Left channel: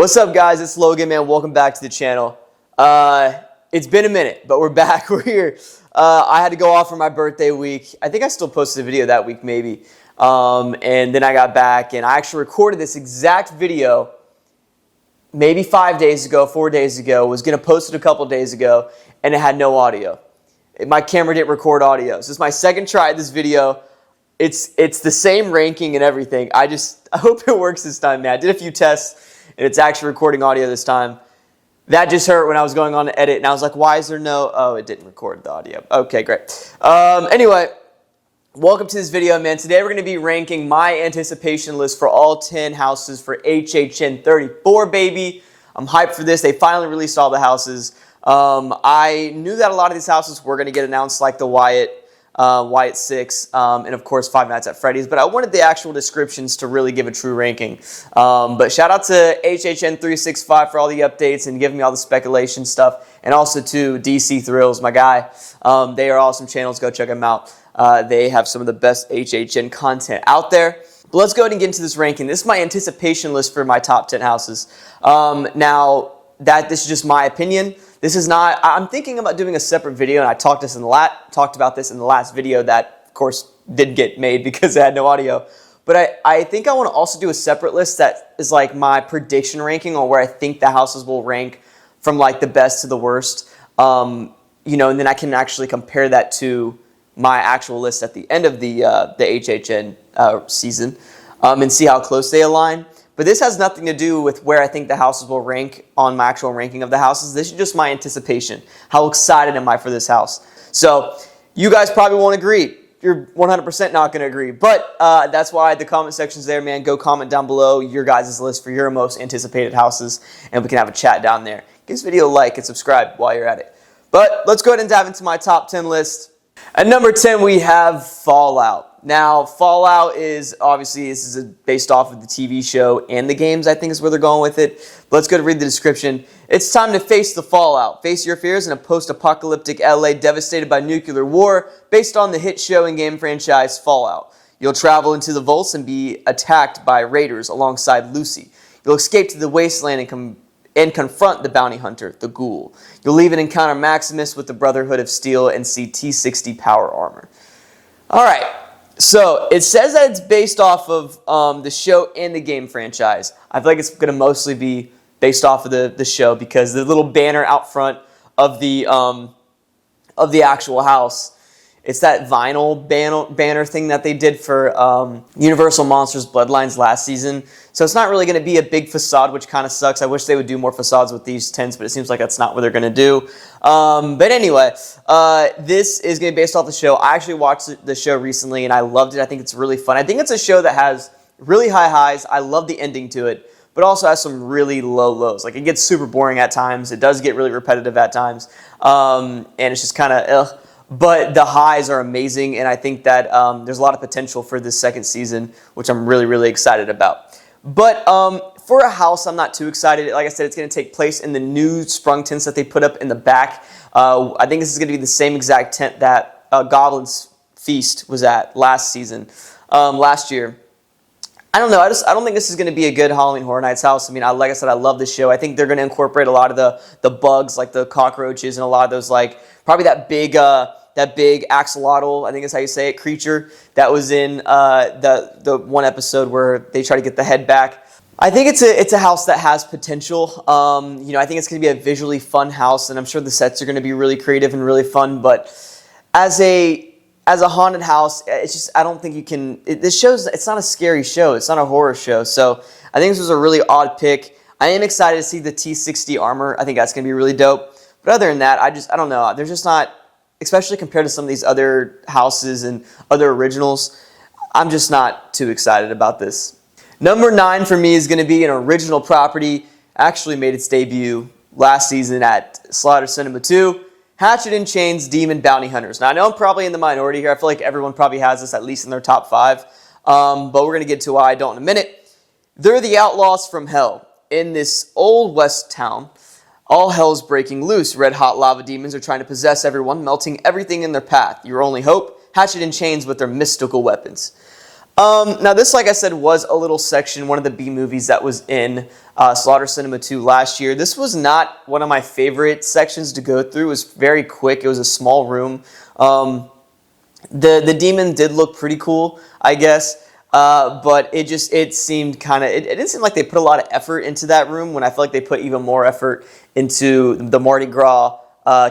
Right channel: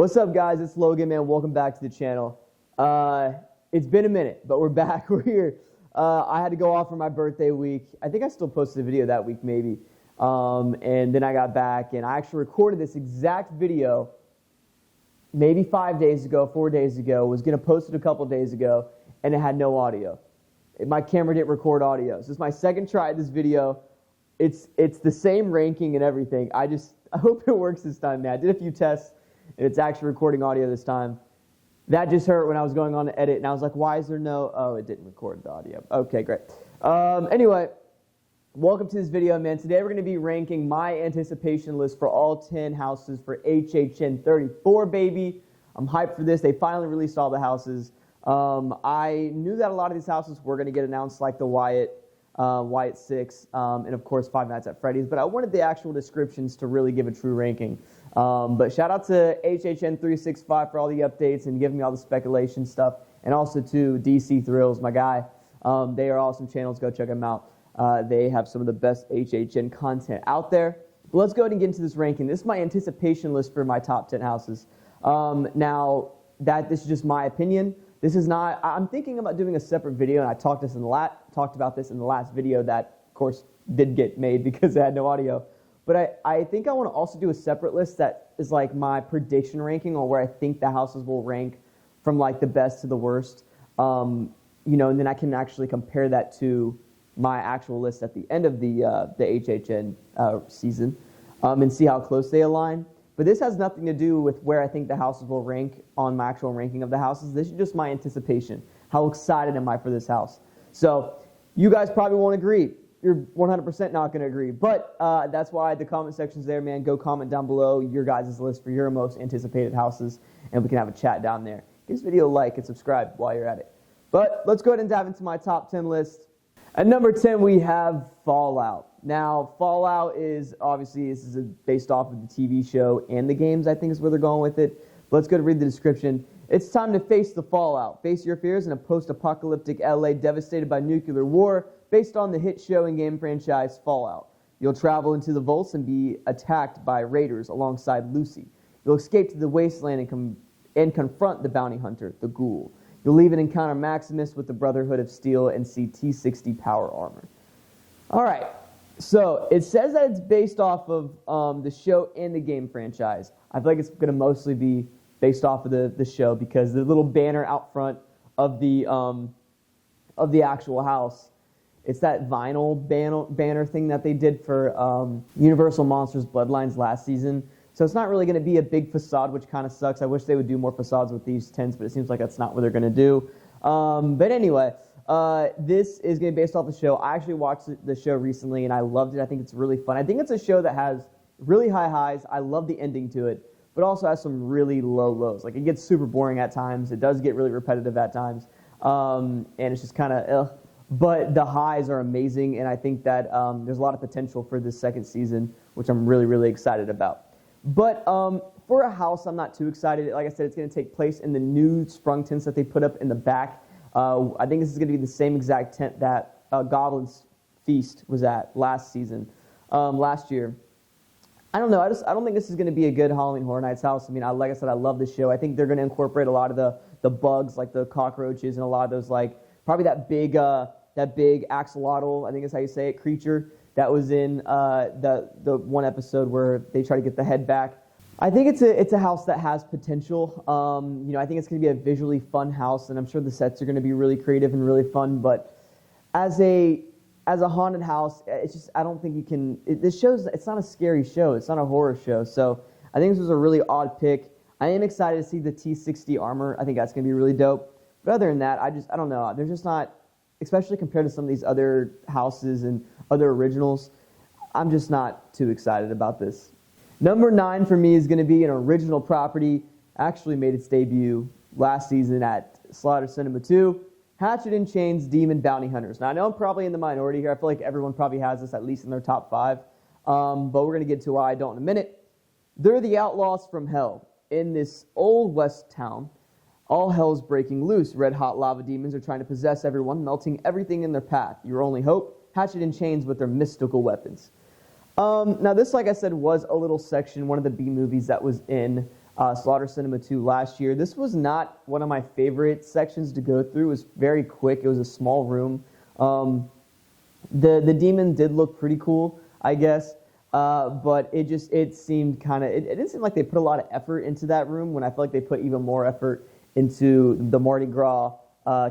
What's up, guys? It's Logan, man. Welcome back to the channel. It's been a minute, but we're back. We're here. I had to go off for my birthday week. I think I still posted a video that week, maybe. And then I got back, and I actually recorded this exact video maybe 5 days ago, 4 days ago. Was going to post it a couple days ago, and it had no audio. My camera didn't record audio. So this is my second try at this video. It's the same ranking and everything. I hope it works this time, man. I did a few tests, and it's actually recording audio this time. That just hurt when I was going on to edit, and I was like, why is there no... Oh, it didn't record the audio. Okay, great. Anyway, welcome to this video, man. Today we're going to be ranking my anticipation list for all 10 houses for HHN 34, baby. I'm hyped for this. They finally released all the houses. I knew that a lot of these houses were going to get announced, like the Wyatt 6, and of course Five Nights at Freddy's, but I wanted the actual descriptions to really give a true ranking. But shout out to HHN 365 for all the updates and giving me all the speculation stuff, and also to DC Thrills, my guy. They are awesome channels. Go check them out. They have some of the best HHN content out there. But let's go ahead and get into this ranking. This is my anticipation list for my top 10 houses. Now, this is just my opinion. This is not, I'm thinking about doing a separate video, and I talked about this in the last video that, of course, did get made because it had no audio. But I think I want to also do a separate list that is like my prediction ranking on where I think the houses will rank from like the best to the worst. And then I can actually compare that to my actual list at the end of the HHN season and see how close they align. But this has nothing to do with where I think the houses will rank on my actual ranking of the houses. This is just my anticipation. How excited am I for this house? So you guys probably won't agree. You're 100% not going to agree. But that's why the comment section's there, man. Go comment down below your guys' list for your most anticipated houses, and we can have a chat down there. Give this video a like and subscribe while you're at it. But let's go ahead and dive into my top 10 list. At number 10, we have Fallout. Now, Fallout is obviously, this is based off of the TV show and the games, I think is where they're going with it. But let's go to read the description. It's time to face the fallout. Face your fears in a post-apocalyptic LA devastated by nuclear war based on the hit show and game franchise Fallout. You'll travel into the vaults and be attacked by raiders alongside Lucy. You'll escape to the wasteland and confront the bounty hunter, the Ghoul. You'll even encounter Maximus with the Brotherhood of Steel and see T-60 power armor. All right. So, it says that it's based off of the show and the game franchise. I feel like it's going to mostly be based off of the show because the little banner out front of the actual house, it's that vinyl banner thing that they did for Universal Monsters Bloodlines last season. So it's not really going to be a big facade, which kind of sucks. I wish they would do more facades with these tents, but it seems like that's not what they're going to do. But anyway, this is going to be based off the show. I actually watched the show recently, and I loved it. I think it's really fun. I think it's a show that has really high highs. I love the ending to it, but also has some really low lows. Like, it gets super boring at times. It does get really repetitive at times, and it's just kind of ugh. But the highs are amazing, and I think that there's a lot of potential for this second season, which I'm really, really excited about. But for a house, I'm not too excited. Like I said, it's going to take place in the new sprung tents that they put up in the back. I think this is going to be the same exact tent that Goblin's Feast was at last year. I don't know. I don't think this is going to be a good Halloween Horror Nights house. I mean, like I said, I love this show. I think they're going to incorporate a lot of the bugs, like the cockroaches, and a lot of those, like probably that big axolotl, I think is how you say it, creature that was in the one episode where they try to get the head back. I think it's a house that has potential. I think it's going to be a visually fun house, and I'm sure the sets are going to be really creative and really fun. But as a haunted house, it's just, I don't think you can. It's not a scary show. It's not a horror show. So I think this was a really odd pick. I am excited to see the T-60 armor. I think that's going to be really dope. But other than that, I don't know. There's just not, especially compared to some of these other houses and other originals, I'm just not too excited about this. Number 9 for me is going to be an original property. Actually made its debut last season at Slaughter Cinema 2. Hatchet & Chain's Demon Bounty Hunters. Now, I know I'm probably in the minority here. I feel like everyone probably has this at least in their top 5. But we're going to get to why I don't in a minute. They're the outlaws from hell. In this old west town, all hell's breaking loose. Red-hot lava demons are trying to possess everyone, melting everything in their path. Your only hope? Hatchet & Chains with their mystical weapons. Now, this, like I said, was a little section, one of the B movies that was in Slaughter Cinema 2 last year. This was not one of my favorite sections to go through. It was very quick. It was a small room. The demon did look pretty cool, I guess, but it seemed kind of, it didn't seem like they put a lot of effort into that room when I feel like they put even more effort into the Mardi Gras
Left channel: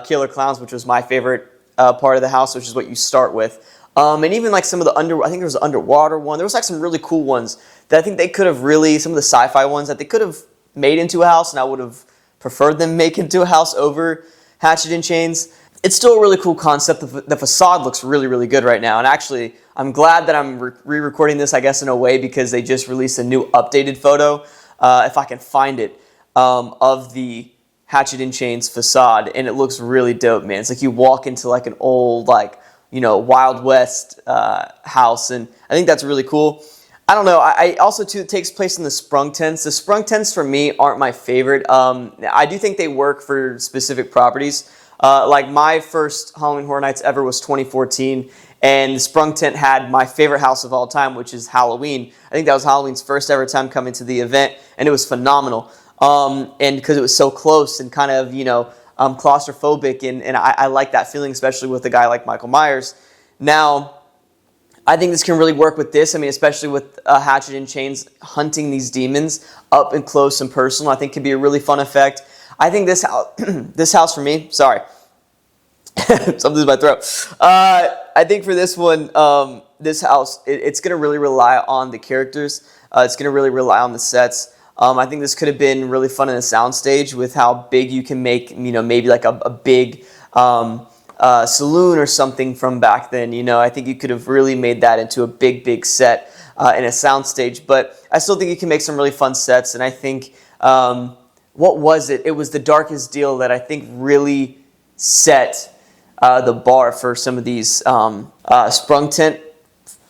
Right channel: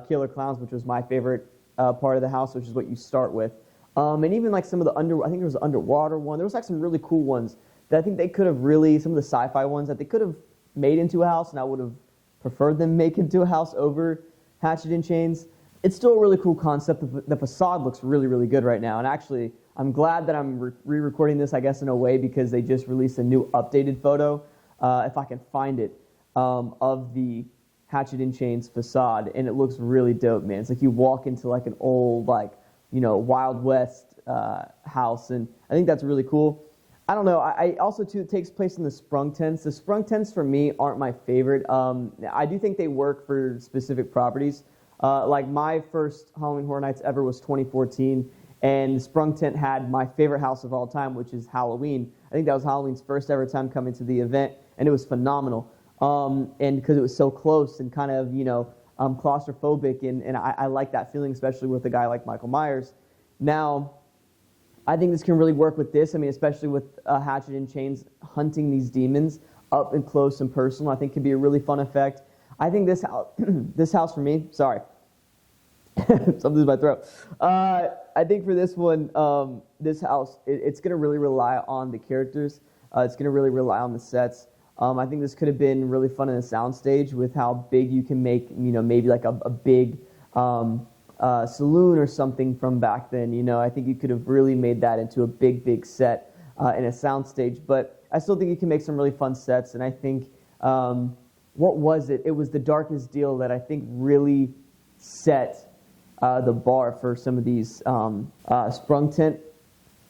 Killer Clowns, which was my favorite part of the house, which is what you start with. And even like some of the I think there was an underwater one. There was like some really cool ones that I think they could have really, some of the sci-fi ones that they could have made into a house, and I would have preferred them make into a house over Hatchet and Chains. It's still a really cool concept. The facade looks really, really good right now. And actually, I'm glad that I'm re-recording this, I guess, in a way, because they just released a new updated photo, if I can find it, of the Hatchet and Chains facade. And it looks really dope, man. It's like you walk into like an old, like, you know, Wild West house. And I think that's really cool. I don't know. I also, too, it takes place in the sprung tents. The sprung tents, for me, aren't my favorite. I do think they work for specific properties. Like my first Halloween Horror Nights ever was 2014, and the sprung tent had my favorite house of all time, which is Halloween. I think that was Halloween's first ever time coming to the event, and it was phenomenal. And because it was so close and kind of, you know, claustrophobic, and I like that feeling, especially with a guy like Michael Myers. Now, I think this can really work with this. I mean, especially with Hatchet and Chains hunting these demons up and close and personal, I think could be a really fun effect. I think this house, this house for me, sorry, something's in my throat. I think for this one, this house, it's going to really rely on the characters. It's going to really rely on the sets. I think this could have been really fun in a soundstage with how big you can make, you know, maybe like a big saloon or something from back then. You know, I think you could have really made that into a big, big set in a soundstage. But I still think you can make some really fun sets. And I think, what was it? It was The Darkest Deal that I think really set the bar for some of these sprung tent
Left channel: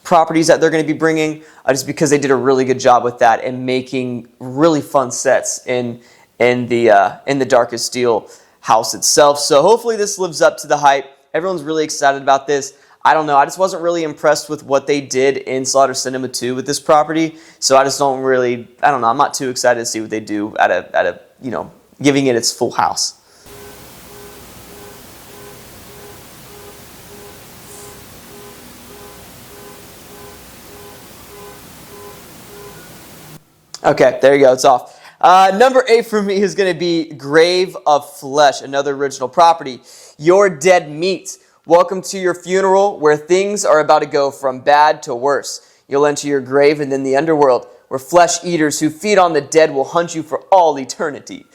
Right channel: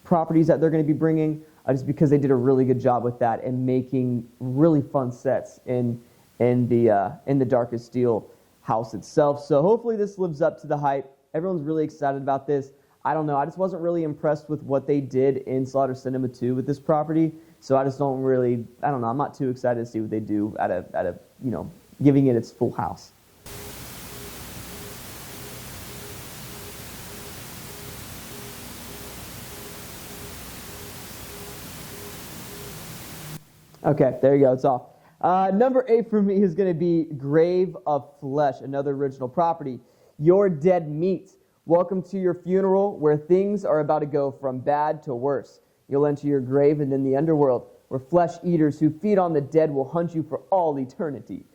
properties that they're going to be bringing, just because they did a really good job with that and making really fun sets in the Darkest Deal house itself. So hopefully this lives up to the hype. Everyone's really excited about this. I don't know. I just wasn't really impressed with what they did in Slaughter Cinema 2 with this property. So I just don't really, I don't know. I'm not too excited to see what they do at a you know, giving it its full house. Okay, there you go. It's off. Number 8 for me is going to be Grave of Flesh, another original property. Your Dead Meat. Welcome to your funeral, where things are about to go from bad to worse. You'll enter your grave and then the underworld, where flesh eaters who feed on the dead will hunt you for all eternity.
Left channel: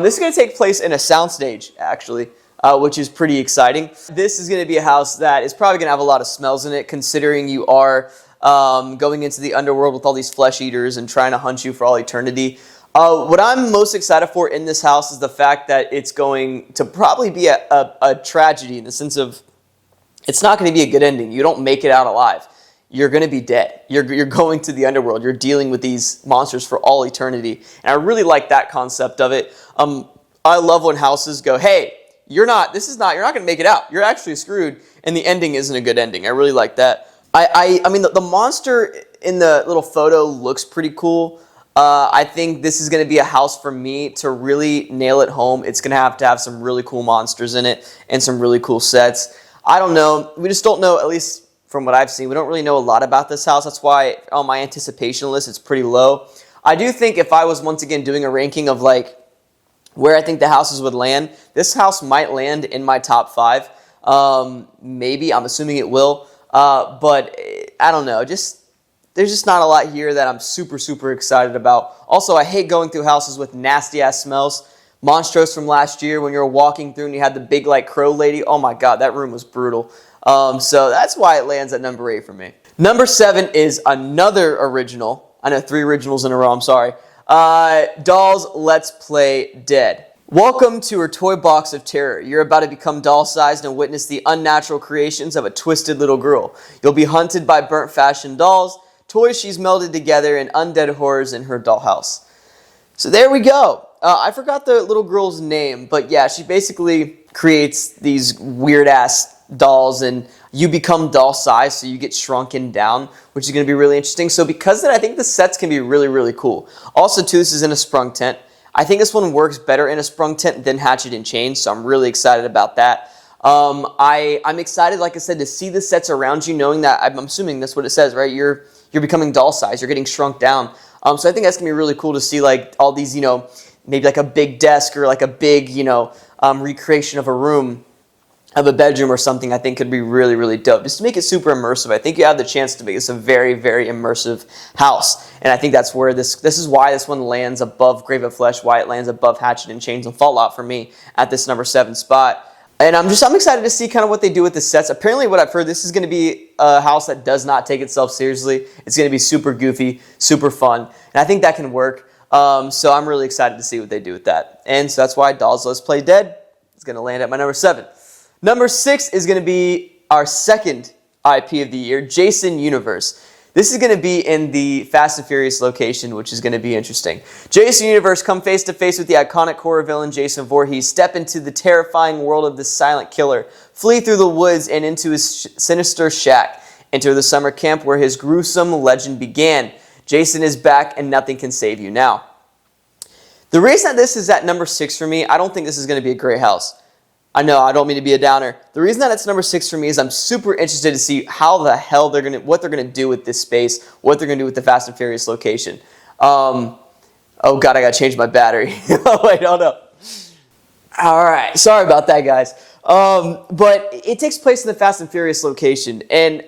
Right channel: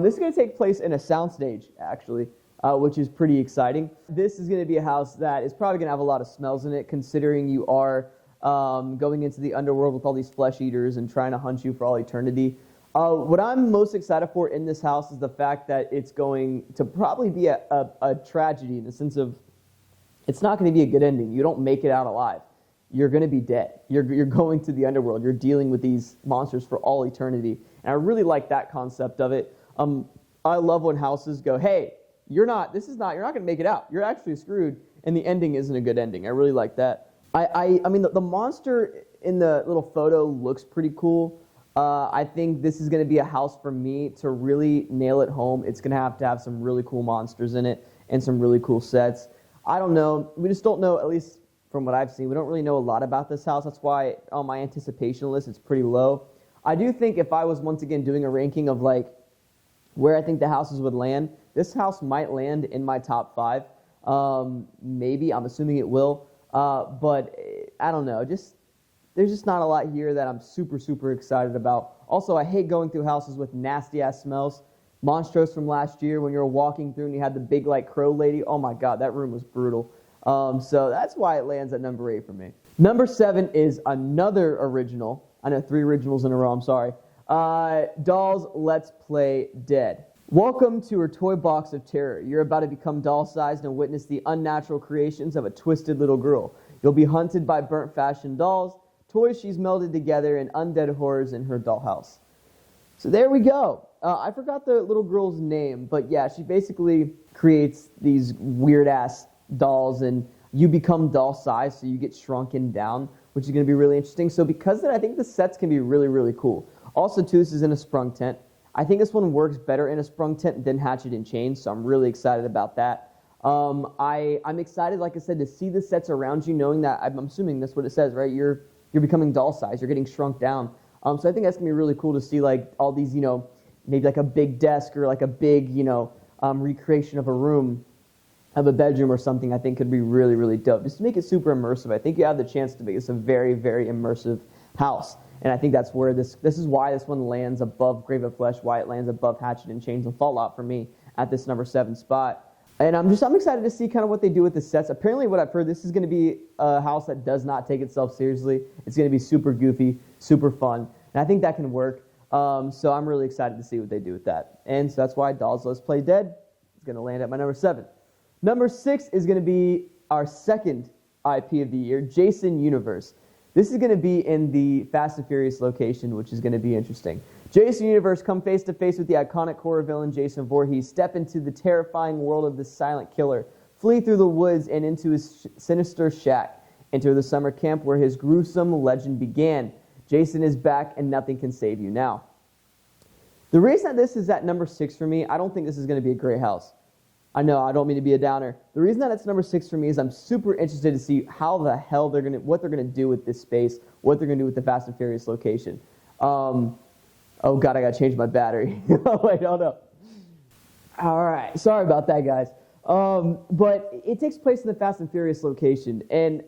This is going to take place in a soundstage, actually, which is pretty exciting. This is going to be a house that is probably going to have a lot of smells in it, considering you are going into the underworld with all these flesh eaters and trying to hunt you for all eternity. What I'm most excited for in this house is the fact that it's going to probably be a tragedy, in the sense of it's not going to be a good ending. You don't make it out alive. You're going to be dead. You're going to the underworld. You're dealing with these monsters for all eternity. And I really like that concept of it. I love when houses go, hey, you're not going to make it out. You're actually screwed. And the ending isn't a good ending. I really like that. I mean, the monster in the little photo looks pretty cool. I think this is going to be a house for me to really nail it home. It's going to have some really cool monsters in it and some really cool sets. I don't know. We just don't know, at least from what I've seen, we don't really know a lot about this house. That's why on my anticipation list, it's pretty low. I do think if I was once again doing a ranking of like where I think the houses would land, this house might land in my top 5. Maybe. I'm assuming it will. But I don't know. There's just not a lot here that I'm super, super excited about. Also, I hate going through houses with nasty-ass smells. Monstros from last year, when you were walking through and you had the big, like, crow lady. Oh, my God, that room was brutal. So that's why it lands at number 8 for me. Number 7 is another original. I know 3 originals in a row. I'm sorry. Doll's Let's Play Dead. Welcome to her toy box of terror. You're about to become doll-sized and witness the unnatural creations of a twisted little girl. You'll be hunted by burnt fashion dolls, toys she's melded together, and undead horrors in her dollhouse. So there we go. I forgot the little girl's name, but yeah, she basically creates these weird-ass dolls, and you become doll size, so you get shrunken down, which is going to be really interesting. So because of that, I think the sets can be really, really cool. Also, too, this is in a sprung tent. I think this one works better in a sprung tent than hatchet and chain, so I'm really excited about that. I'm excited, like I said, to see the sets around you, knowing that, I'm assuming that's what it says, right? You're becoming doll size. You're getting shrunk down. So I think that's going to be really cool to see, like, all these, maybe like a big desk or like a big, recreation of a room, of a bedroom or something. I think could be really, really dope. Just to make it super immersive. I think you have the chance to make this a very, very immersive house. And I think that's where this is why this one lands above Grave of Flesh, why it lands above Hatchet and Chains and Fallout for me at this number 7 spot. And I'm excited to see kind of what they do with the sets. Apparently, what I've heard, this is going to be a house that does not take itself seriously. It's going to be super goofy, super fun, and I think that can work. So I'm really excited to see what they do with that. And so that's why Dolls Let's Play Dead is going to land at my number 7. Number 6 is going to be our second IP of the year, Jason Universe. This is going to be in the Fast and Furious location, which is going to be interesting. Jason Universe, come face to face with the iconic horror villain Jason Voorhees, step into the terrifying world of the silent killer, flee through the woods and into his sinister shack, enter the summer camp where his gruesome legend began. Jason is back and nothing can save you now. The reason that this is at number 6 for me, I don't think this is going to be a great house. I know, I don't mean to be a downer. The reason that it's number 6 for me is I'm super interested to see how the hell what they're gonna do with this space, what they're gonna do with the Fast and Furious location. Oh God, I gotta change my battery. Wait, hold up. All right, sorry about that, guys. But it takes place in the Fast and Furious location, and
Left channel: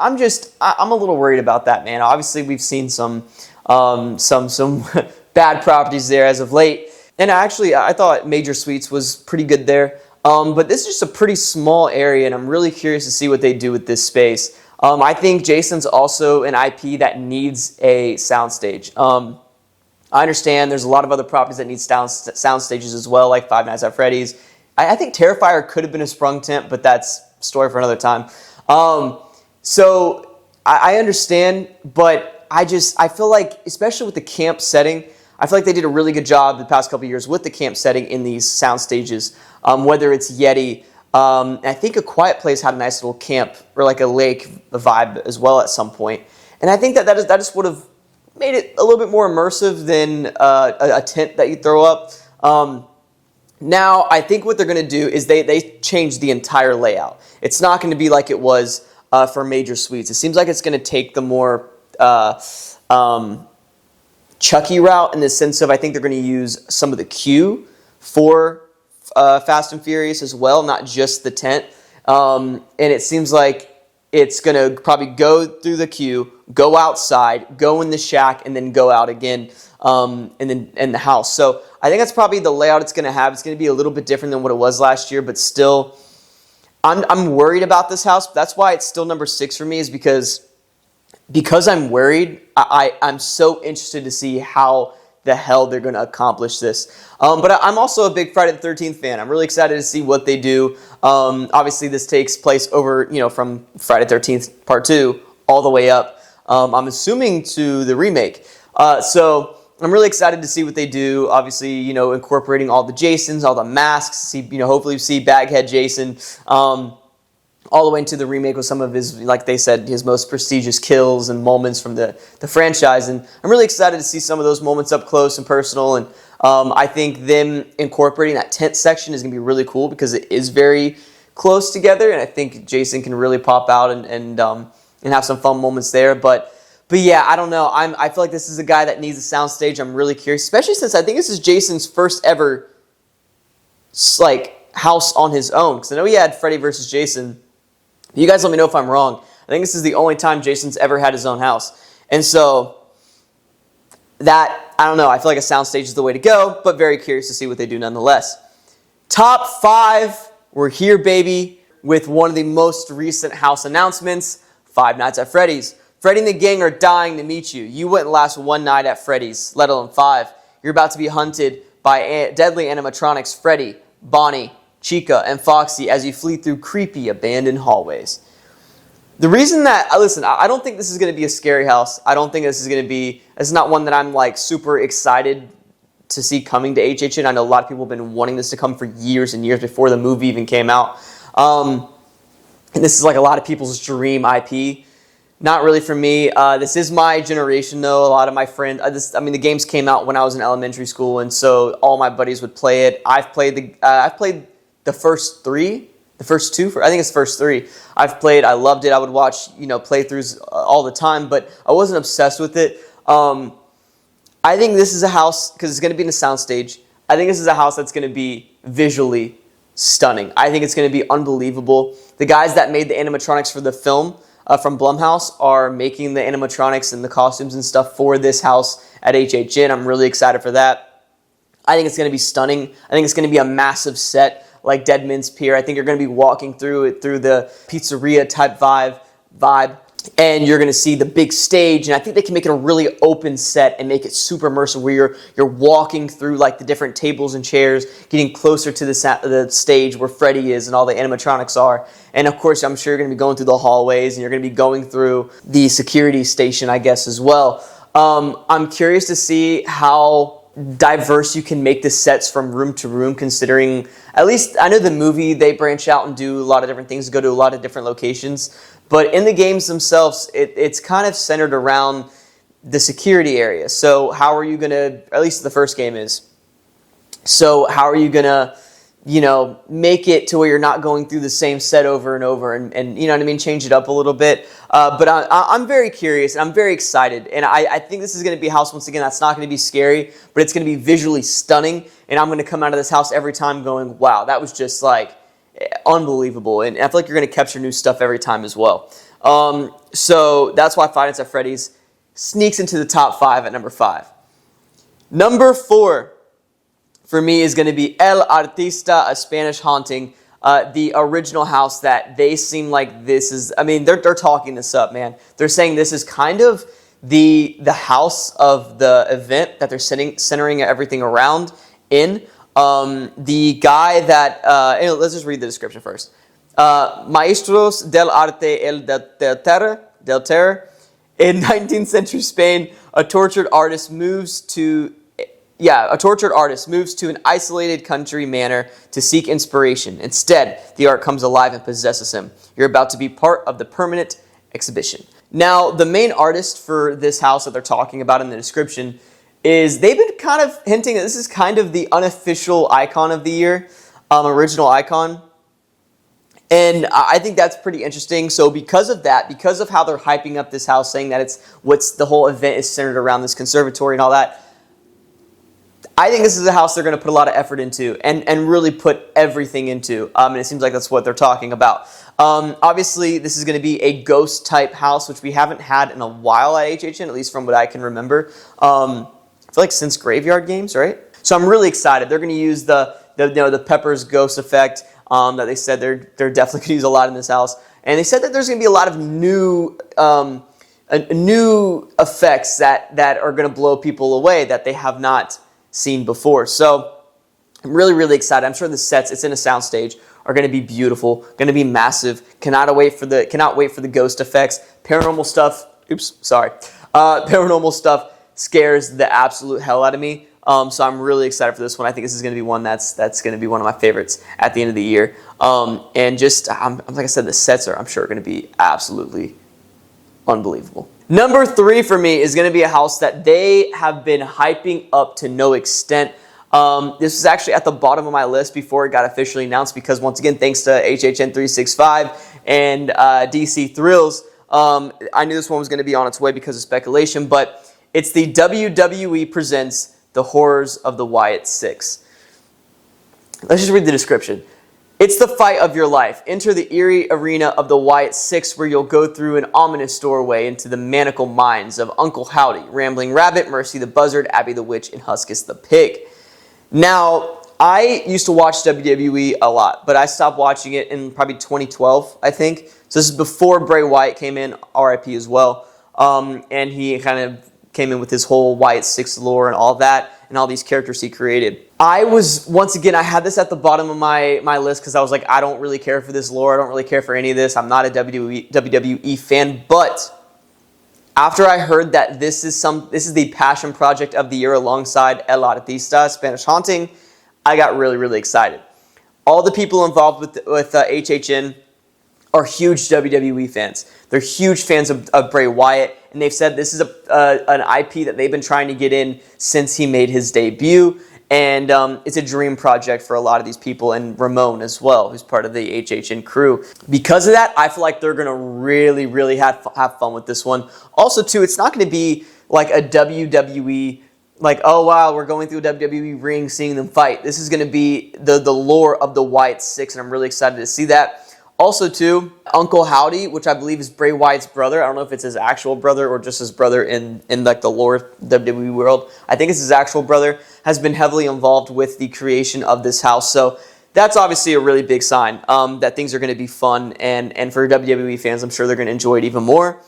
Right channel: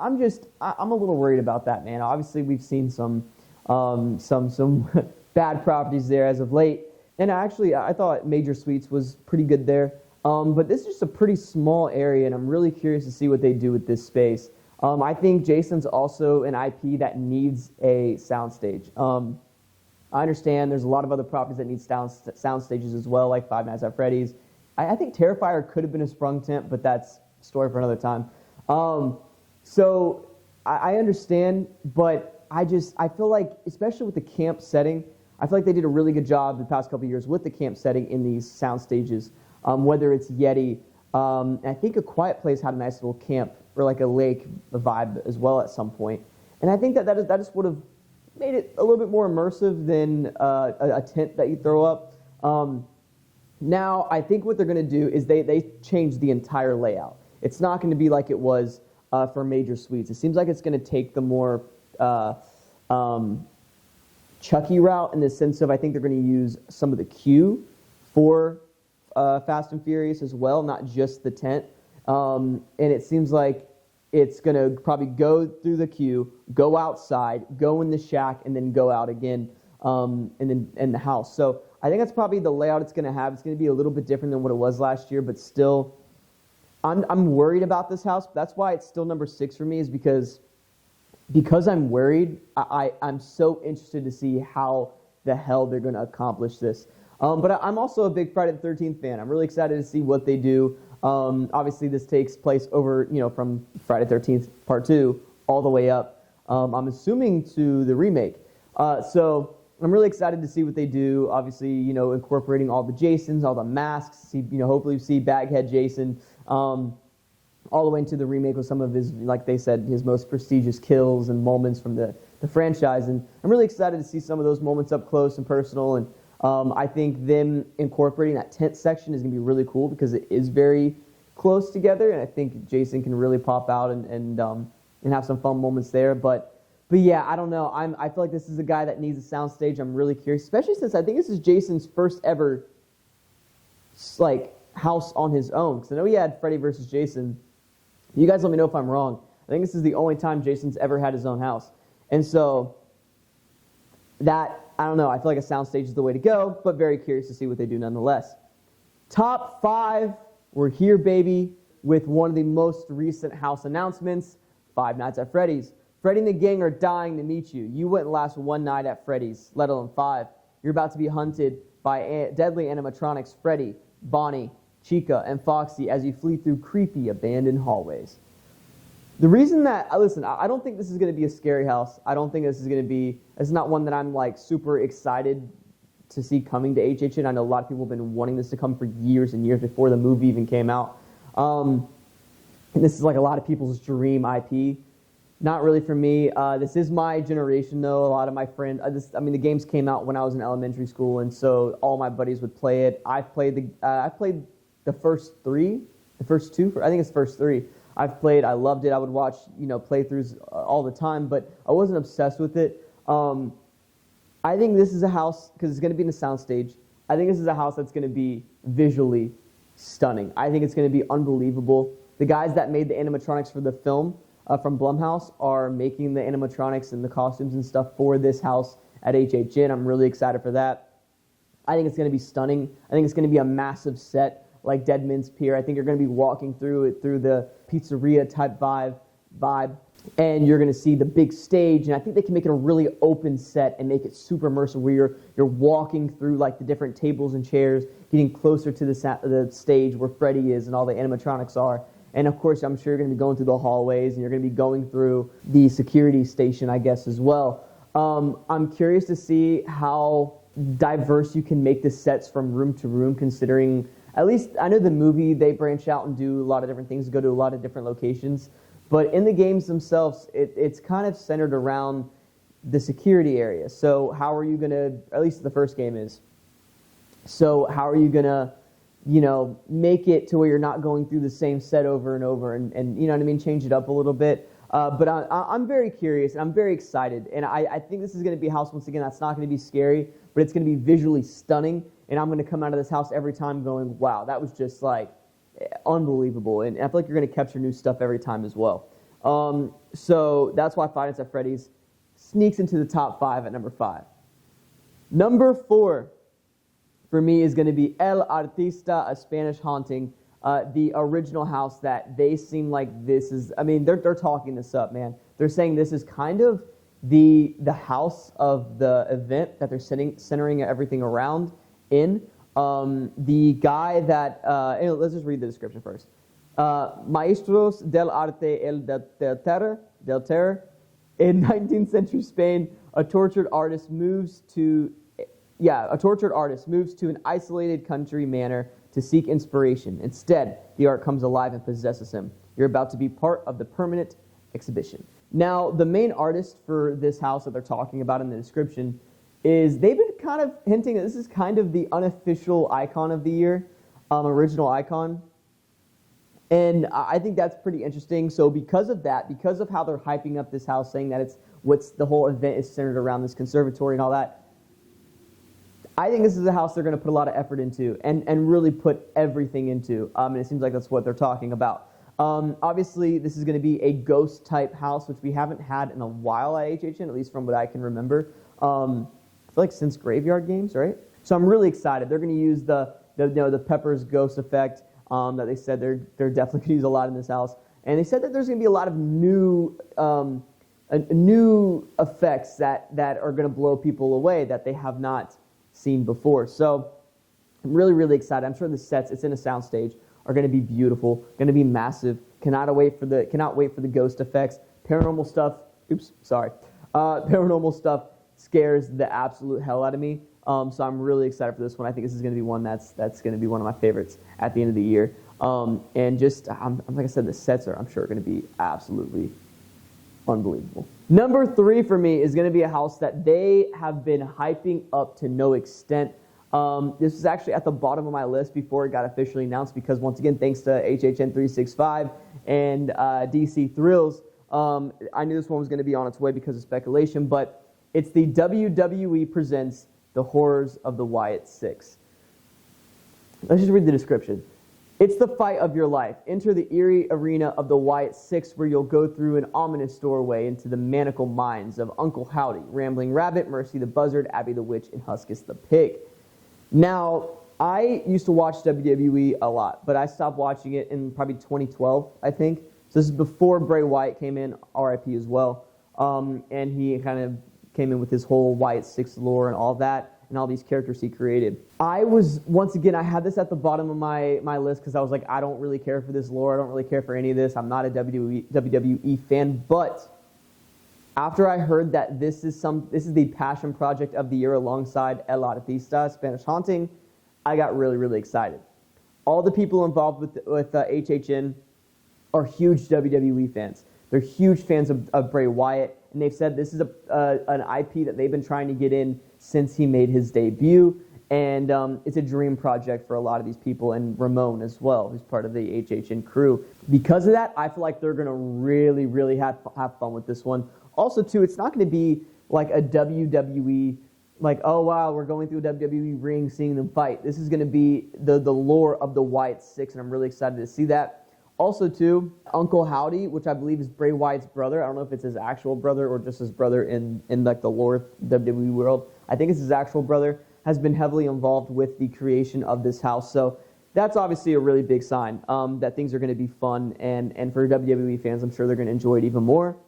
I'm a little worried about that, man. Obviously, we've seen some bad properties there as of late, and I thought Major Suites was pretty good there. But this is just a pretty small area, and I'm really curious to see what they do with this space. I think Jason's also an IP that needs a soundstage. I understand there's a lot of other properties that need sound stages as well, like Five Nights at Freddy's. I think Terrifier could have been a sprung tent, but that's a story for another time. So I understand, but I feel like, especially with the camp setting, I feel like they did a really good job the past couple of years with the camp setting in these sound stages. Whether it's Yeti, I think A Quiet Place had a nice little camp or like a lake vibe as well at some point. And I think that just would have made it a little bit more immersive than a tent that you throw up. Now, I think what they're going to do is they change the entire layout. It's not going to be like it was for Major Suites. It seems like it's going to take the more Chucky route in the sense of I think they're going to use some of the queue for Fast and Furious as well, not just the tent. And it seems like it's going to probably go through the queue, go outside, go in the shack, and then go out again in the house. So I think that's probably the layout it's going to have. It's going to be a little bit different than what it was last year, but still, I'm worried about this house. That's why it's still number 6 for me, is because I'm worried. I'm so interested to see how the hell they're going to accomplish this. But I'm also a big Friday the 13th fan. I'm really excited to see what they do. Obviously, this takes place over, from Friday the 13th Part 2 all the way up, I'm assuming, to the remake. So I'm really excited to see what they do. Obviously, incorporating all the Jasons, all the masks. Hopefully we see Baghead Jason all the way into the remake with some of his, like they said, his most prestigious kills and moments from the franchise. And I'm really excited to see some of those moments up close and personal. And I think them incorporating that tent section is going to be really cool because it is very close together. And I think Jason can really pop out and have some fun moments there. But yeah, I don't know. I feel like this is a guy that needs a soundstage. I'm really curious, especially since I think this is Jason's first ever house on his own. Because I know he had Freddy vs. Jason. You guys let me know if I'm wrong. I think this is the only time Jason's ever had his own house. And so I don't know. I feel like a soundstage is the way to go, but very curious to see what they do nonetheless. Top 5, we're here, baby, with one of the most recent house announcements, Five Nights at Freddy's. Freddy and the gang are dying to meet you. You wouldn't last one night at Freddy's, let alone 5. You're about to be hunted by deadly animatronics Freddy, Bonnie, Chica, and Foxy as you flee through creepy, abandoned hallways. The reason that, listen, I don't think this is going to be a scary house. I don't think this is not one that I'm super excited to see coming to HHN. I know a lot of people have been wanting this to come for years and years before the movie even came out. And this is like a lot of people's dream IP. Not really for me. This is my generation, though. A lot of my friends, the games came out when I was in elementary school, and so all my buddies would play it. I've played the first three, the first two. I think it's the first three. I've played. I loved it. I would watch playthroughs all the time, but I wasn't obsessed with it. I think this is a house because it's going to be in a soundstage. I think this is a house that's going to be visually stunning. I think it's going to be unbelievable. The guys that made the animatronics for the film from Blumhouse are making the animatronics and the costumes and stuff for this house at HHN. I'm really excited for that. I think it's going to be stunning. I think it's going to be a massive set like Dead Man's Pier. I think you're going to be walking through it through the pizzeria type vibe. And you're going to see the big stage, and I think they can make it a really open set and make it super immersive where you're walking through like the different tables and chairs, getting closer to the stage where Freddy is and all the animatronics are. And of course, I'm sure you're going to be going through the hallways, and you're going to be going through the security station, I guess, as well. I'm curious to see how diverse you can make the sets from room to room, considering, at least I know the movie, they branch out and do a lot of different things, go to a lot of different locations. But in the games themselves, it's kind of centered around the security area. So how are you going to, at least the first game is, so how are you going to, make it to where you're not going through the same set over and over and you know what I mean, change it up a little bit. But I'm very curious, and I'm very excited. And I think this is going to be a house, once again, that's not going to be scary, but it's going to be visually stunning. And I'm going to come out of this house every time going, wow, that was just like unbelievable. And I feel like you're going to capture new stuff every time as well. So that's why Five Nights at Freddy's sneaks into the top 5 at number 5. Number 4 for me is going to be El Artista, a Spanish haunting. The original house that they seem like this is, they're talking this up, man. They're saying this is kind of the house of the event that they're centering everything around in. The guy that, let's just read the description first. Maestros del Arte del Terror. In 19th century Spain, a tortured artist moves to an isolated country manor to seek inspiration. Instead, the art comes alive and possesses him. You're about to be part of the permanent exhibition. Now, the main artist for this house that they're talking about in the description is, they've been kind of hinting that this is kind of the unofficial icon of the year, original icon. And I think that's pretty interesting. So because of that, because of how they're hyping up this house, saying that the whole event is centered around this conservatory and all that, I think this is a house they're going to put a lot of effort into and really put everything into. And it seems like that's what they're talking about. Obviously, this is going to be a ghost type house, which we haven't had in a while at HHN, at least from what I can remember. I feel like since Graveyard Games, right? So I'm really excited. They're going to use the Pepper's ghost effect that they said they're definitely going to use a lot in this house. And they said that there's going to be a lot of new effects that are going to blow people away that they have not seen before. So I'm really, really excited. I'm sure the sets, it's in a soundstage, are going to be beautiful, going to be massive. Cannot wait for the ghost effects. Paranormal stuff. Paranormal stuff scares the absolute hell out of me. So I'm really excited for this one. I think this is going to be one that's going to be one of my favorites at the end of the year. And just like I said, the sets I'm sure going to be absolutely unbelievable. Number 3 for me is going to be a house that they have been hyping up to no extent. This was actually at the bottom of my list before it got officially announced because, once again, thanks to HHN 365 and DC Thrills, I knew this one was going to be on its way because of speculation, but it's the WWE presents The Horrors of the Wyatt Six. Let's just read the description. It's the fight of your life. Enter the eerie arena of the Wyatt Six, where you'll go through an ominous doorway into the maniacal minds of Uncle Howdy, Rambling Rabbit, Mercy the Buzzard, Abby the Witch, and Huskus the Pig. Now, I used to watch WWE a lot, but I stopped watching it in probably 2012, I think. So this is before Bray Wyatt came in, RIP as well. And he kind of came in with his whole Wyatt Six lore and all that, and all these characters he created. I had this at the bottom of my list because I was like, I don't really care for this lore. I don't really care for any of this. I'm not a WWE fan. But after I heard that this is the passion project of the year alongside El Artista, Spanish Haunting, I got really, really excited. All the people involved with HHN are huge WWE fans. They're huge fans of Bray Wyatt, and they've said this is an IP that they've been trying to get in since he made his debut, and it's a dream project for a lot of these people, and Ramon as well, who's part of the HHN crew. Because of that, I feel like they're going to really, really have fun with this one. Also, too, it's not going to be like a WWE, like, oh, wow, we're going through a WWE ring, seeing them fight. This is going to be the lore of the Wyatt Six, and I'm really excited to see that. Also, too, Uncle Howdy, which I believe is Bray Wyatt's brother. I don't know if it's his actual brother or just his brother in like the lore WWE world. I think it's his actual brother, has been heavily involved with the creation of this house. So that's obviously a really big sign that things are going to be fun. And for WWE fans, I'm sure they're going to enjoy it even more.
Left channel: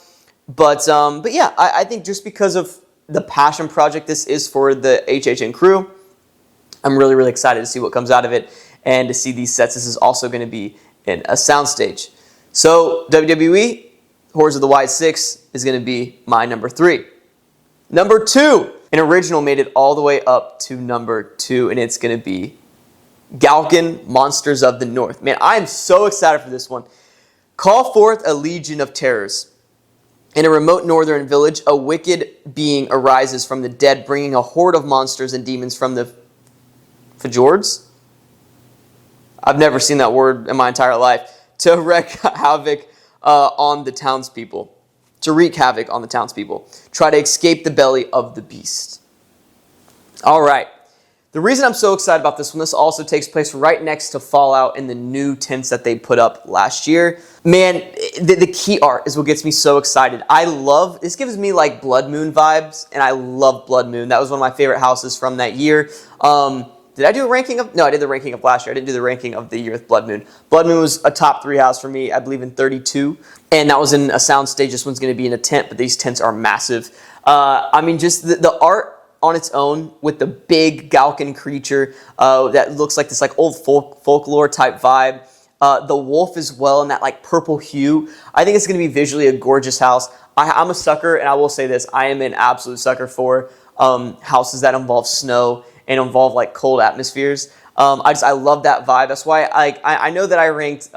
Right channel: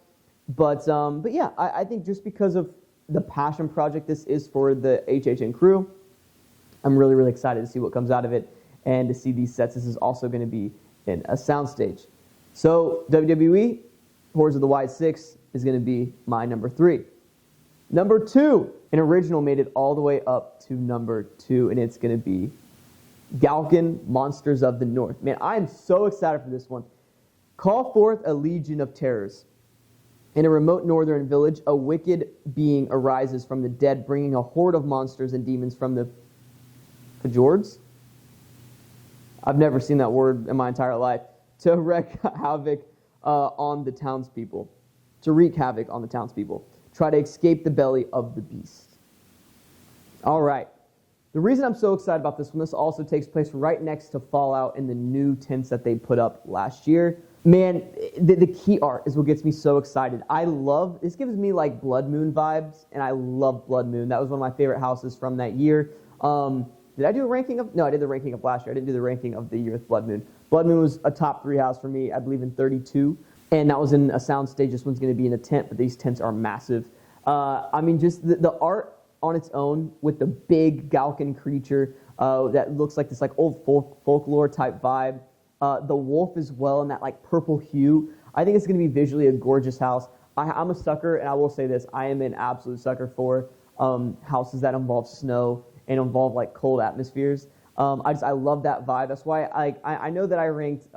But yeah, I think just because of the passion project this is for the HHN crew, I'm really, really excited to see what comes out of it and to see these sets. This is also going to be in a soundstage. So WWE, Horrors of the Wyatt Six is going to be my number 3. Number 2, an original made it all the way up to number 2, and it's going to be Galkin, Monsters of the North. Man, I am so excited for this one. Call forth a legion of terrors. In a remote northern village, a wicked being arises from the dead, bringing a horde of monsters and demons from the fjords. I've never seen that word in my entire life. To wreak havoc on the townspeople. Try to escape the belly of the beast. All right. The reason I'm so excited about this one, this also takes place right next to Fallout in the new tents that they put up last year. Man, the key art is what gets me so excited. This gives me like Blood Moon vibes, and I love Blood Moon. That was one of my favorite houses from that year. Did I do a ranking of? No, I did the ranking of last year. I didn't do the ranking of the year with Blood Moon. Blood Moon was a top 3 house for me, I believe in 32. And that was in a soundstage. This one's going to be in a tent, but these tents are massive. I mean, just the art on its own with the big Galkin creature that looks like this like old folklore type vibe. The wolf as well in that like purple hue. I think it's going to be visually a gorgeous house. I'm a sucker, and I will say this. I am an absolute sucker for houses that involve snow and involve like cold atmospheres. I love that vibe. That's why I know that I ranked,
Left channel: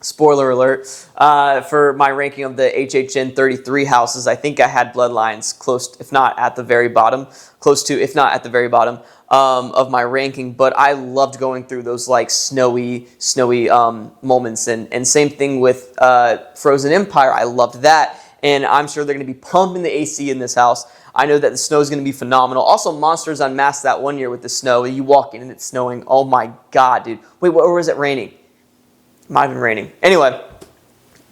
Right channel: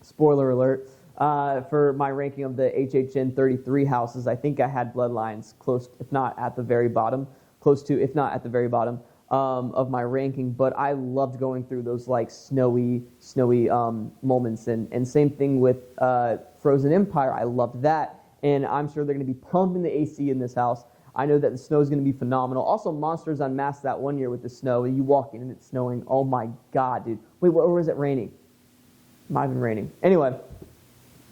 spoiler alert, for my ranking of the HHN 33 houses. I think I had Bloodlines close, if not at the very bottom, of my ranking. But I loved going through those like snowy moments. And same thing with Frozen Empire. I loved that. And I'm sure they're going to be pumping the AC in this house. I know that the snow is going to be phenomenal. Also, Monsters Unmasked that one year with the snow. You walk in and it's snowing. Oh my God, dude. Wait, or was it raining? It might have been raining. Anyway,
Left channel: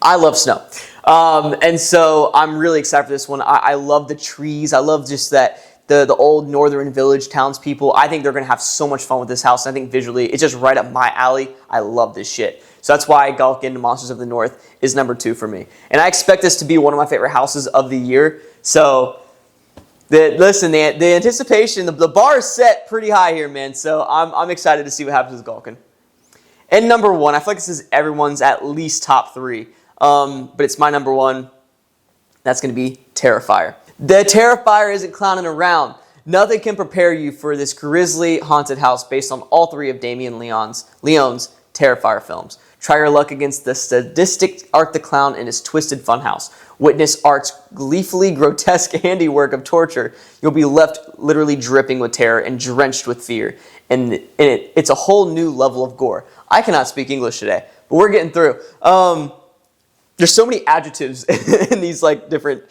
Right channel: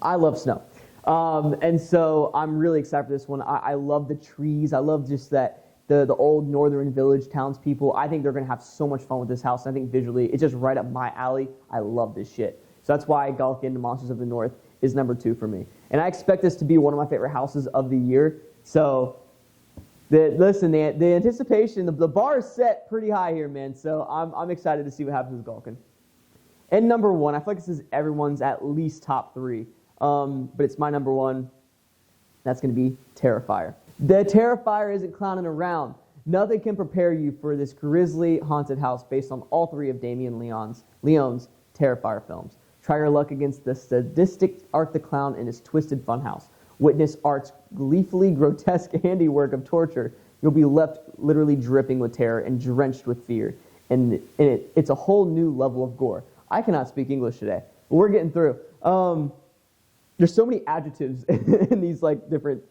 I love snow. And so I'm really excited for this one. I love the trees. I love just that the old northern village townspeople. I think they're going to have so much fun with this house. I think visually it's just right up my alley. I love this shit. So that's why Galkin, Monsters of the North is number 2 for me. And I expect this to be one of my favorite houses of the year. So the anticipation, the bar is set pretty high here, man. So I'm excited to see what happens with Galkin. And number 1, I feel like this is everyone's at least top 3, but it's my number 1. That's going to be Terrifier. The Terrifier isn't clowning around. Nothing can prepare you for this grisly haunted house based on all 3 of Damien Leone's Terrifier films. Try your luck against the sadistic Art the Clown in his twisted funhouse. Witness Art's gleefully grotesque handiwork of torture. You'll be left literally dripping with terror and drenched with fear. And it's a whole new level of gore. I cannot speak English today, but we're getting through. There's so many adjectives in these like different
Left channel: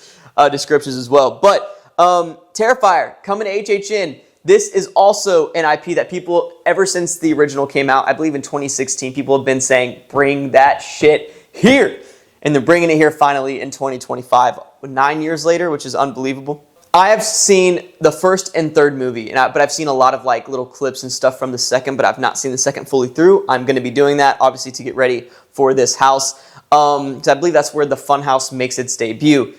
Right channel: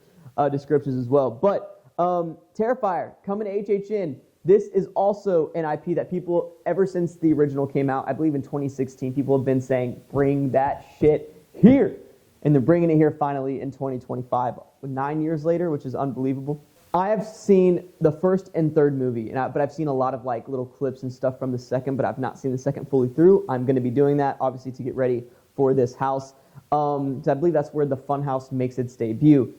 descriptions as well. But Terrifier coming to HHN. This is also an IP that people, ever since the original came out, I believe in 2016, people have been saying, bring that shit here. And they're bringing it here finally in 2025, 9 years later, which is unbelievable. I have seen the first and third movie, but I've seen a lot of like little clips and stuff from the second, but I've not seen the second fully through. I'm going to be doing that, obviously, to get ready for this house. So I believe that's where the Funhouse makes its debut.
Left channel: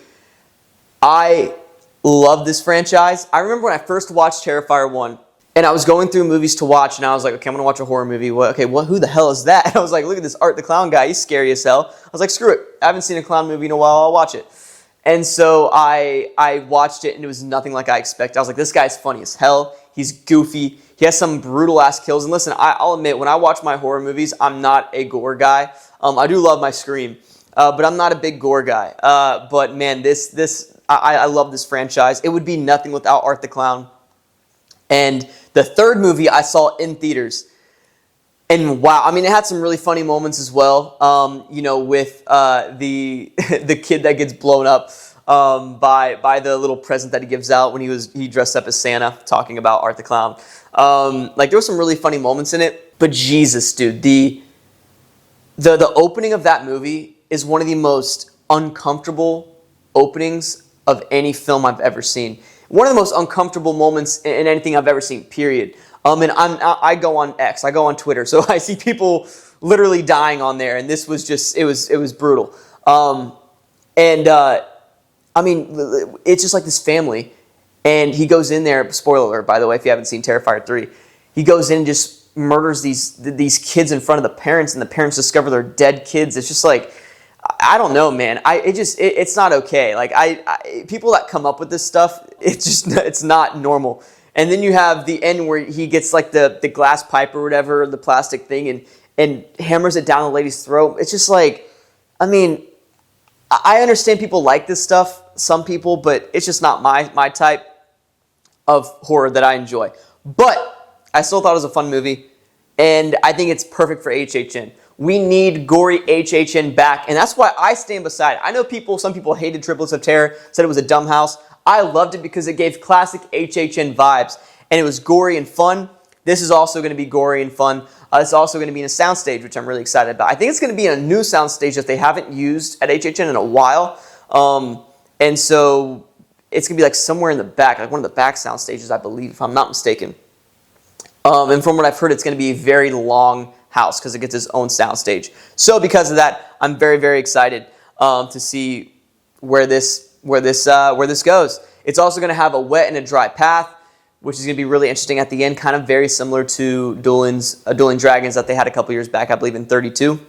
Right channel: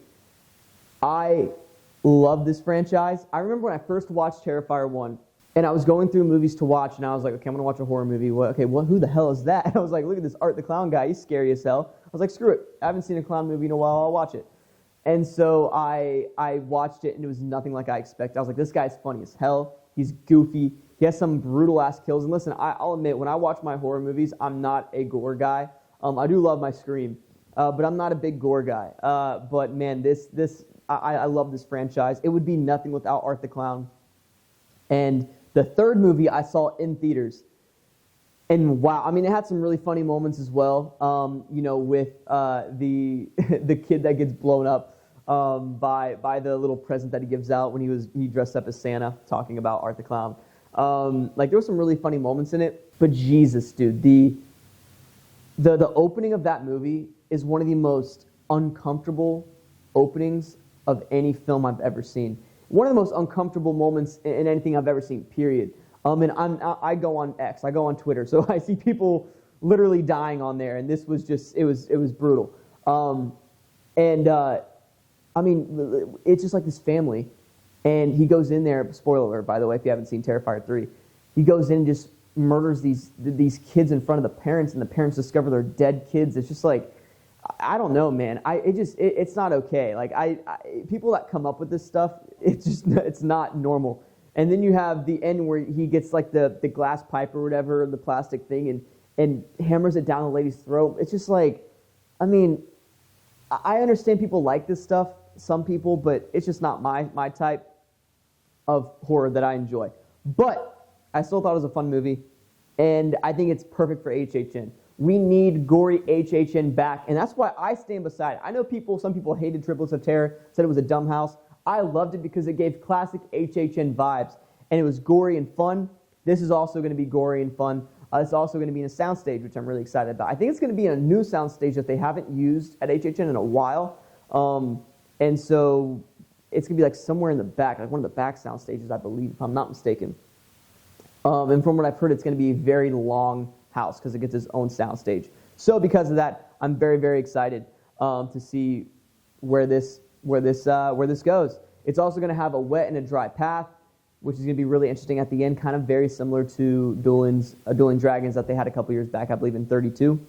I love this franchise. I remember when I first watched Terrifier 1, and I was going through movies to watch, and I was like, okay, I'm going to watch a horror movie. Who the hell is that? And I was like, look at this Art the Clown guy. He's scary as hell. I was like, screw it. I haven't seen a clown movie in a while. I'll watch it. And so I watched it, and it was nothing like I expected. I was like, this guy's funny as hell. He's goofy. He has some brutal ass kills. And listen, I'll admit, when I watch my horror movies, I'm not a gore guy. I do love my Scream, but I'm not a big gore guy. But man, I love this franchise. It would be nothing without Art the Clown. And the third movie I saw in theaters. And wow, I mean, it had some really funny moments as well. You know, with the kid that gets blown up by the little present that he gives out when he dressed up as Santa, talking about Art the Clown. Like, there were some really funny moments in it. But Jesus, dude, the opening of that movie is one of the most uncomfortable openings of any film I've ever seen. One of the most uncomfortable moments in anything I've ever seen, period. And I go on X, I go on Twitter, so I see people literally dying on there, and this was just, it was brutal. I mean, it's just like this family, and he goes in there, spoiler alert, by the way, if you haven't seen Terrifier 3, he goes in and just murders these kids in front of the parents, and the parents discover they're dead kids. It's just like, I don't know, man. It's not okay. Like, people that come up with this stuff, it's not normal. And then you have the end where he gets like the glass pipe or whatever, the plastic thing, and hammers it down the lady's throat. It's just like, I mean, I understand people like this stuff, some people, but it's just not my type of horror that I enjoy. But I still thought it was a fun movie, and I think it's perfect for HHN. We need gory HHN back, and that's why I stand beside it. I know some people hated Triplets of Terror, said it was a dumb house. I loved it because it gave classic HHN vibes, and it was gory and fun. This is also going to be gory and fun. It's also going to be in a soundstage, which I'm really excited about. I think it's going to be in a new soundstage that they haven't used at HHN in a while, and so it's going to be like somewhere in the back, like one of the back sound stages, I believe, if I'm not mistaken. And from what I've heard, it's going to be a very long house because it gets its own sound stage. So because of that, I'm very, very excited to see where this goes. It's also going to have a wet and a dry path, which is going to be really interesting at the end, kind of very similar to Dueling Dragons that they had a couple years back, I believe in 32.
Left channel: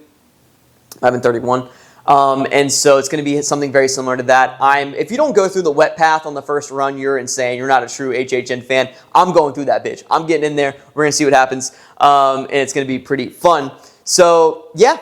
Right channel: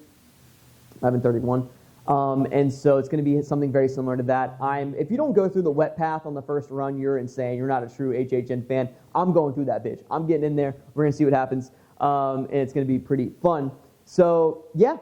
I'm in 31. And so it's going to be something very similar to that. If you don't go through the wet path on the first run, you're insane. You're not a true HHN fan. I'm going through that bitch. I'm getting in there. We're going to see what happens. And it's going to be pretty fun. So, yeah,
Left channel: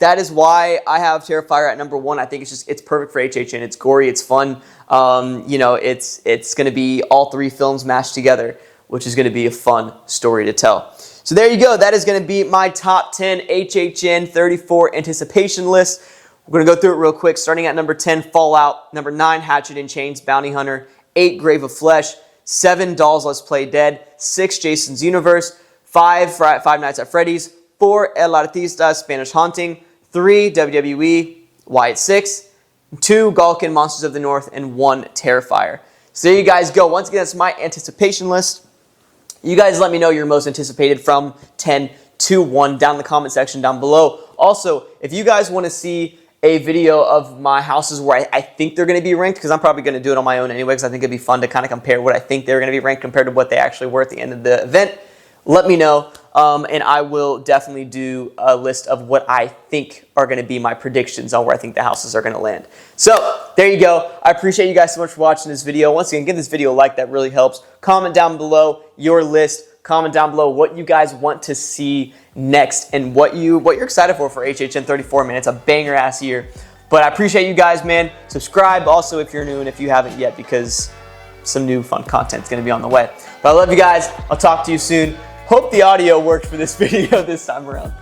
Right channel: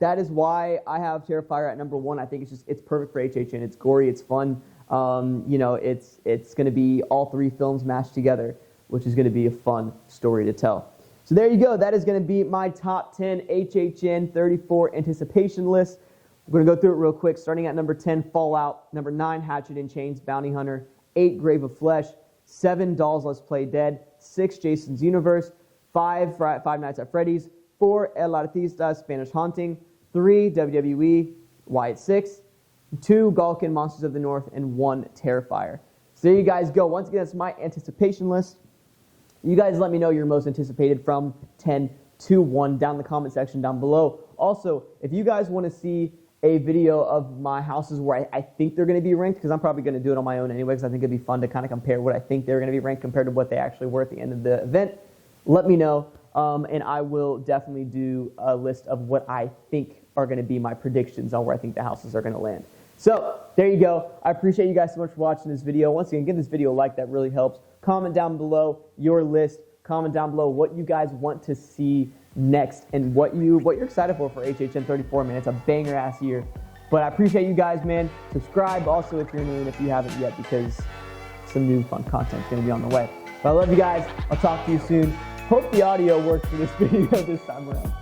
that is why I have Terrifier at number 1. I think it's perfect for HHN. It's gory. It's fun. You know, it's going to be all 3 films mashed together, which is going to be a fun story to tell. So there you go. That is going to be my top 10 HHN 34 anticipation list. We're going to go through it real quick. Starting at number 10, Fallout. Number 9, Hatchet and Chains, Bounty Hunter. 8, Grave of Flesh. 7, Dolls Let's Play Dead. 6, Jason's Universe. 5, Five Nights at Freddy's. 4, El Artista, Spanish Haunting. 3, WWE, Wyatt 6. 2, Gulkin, Monsters of the North. And 1, Terrifier. So there you guys go. Once again, that's my anticipation list. You guys let me know your most anticipated from 10 to 1 down in the comment section down below. Also, if you guys want to see a video of my houses where I think they're going to be ranked, because I'm probably going to do it on my own anyway, because I think it'd be fun to kind of compare what I think they're going to be ranked compared to what they actually were at the end of the event. Let me know, and I will definitely do a list of what I think are going to be my predictions on where I think the houses are going to land. So, there you go. I appreciate you guys so much for watching this video. Once again, give this video a like. That really helps. Comment down below your list. Comment down below what you guys want to see next and what you're excited for HHN 34, man. It's a banger ass year. But I appreciate you guys, man. Subscribe also if you're new and if you haven't yet, because some new fun content is going to be on the way. But I love you guys. I'll talk to you soon. Hope the audio worked for this video this time around.